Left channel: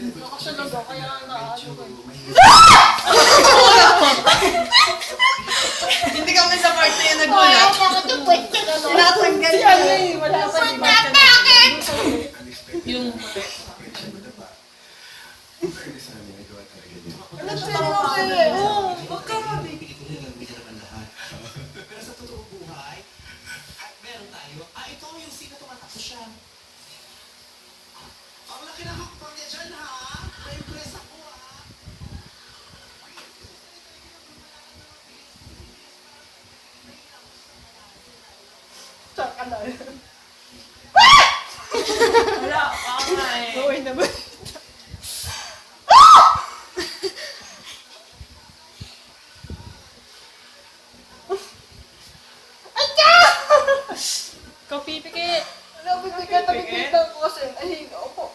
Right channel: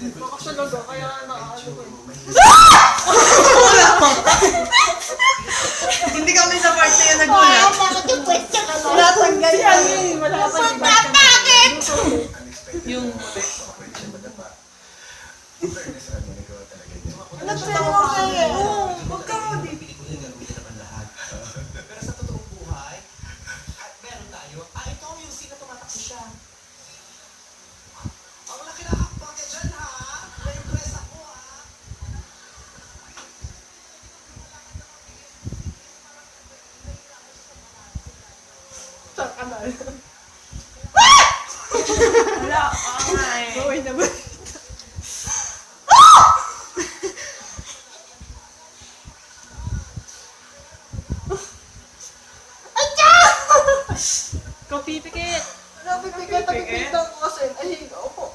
Makasunod ako, kaya naano ko. Hindi kami sa party yung nagulat. Bakit yung question ka na? Natanggal Si ano eh, wala pa yung Bakit? yung... Nagsasabi ko sa'yo eh. Oo, huwag ka mo. Pero sa totoong buhay, at meron tayo, ikaw yung sino tumatakbo siya. Ang laki na hakbang niya dyan, ha? Na-impress ako, ha? Saka na. Wala ka nga eh. Baway naman. Ikaw pipikit. Napipikit ko kasi. Ay, opo.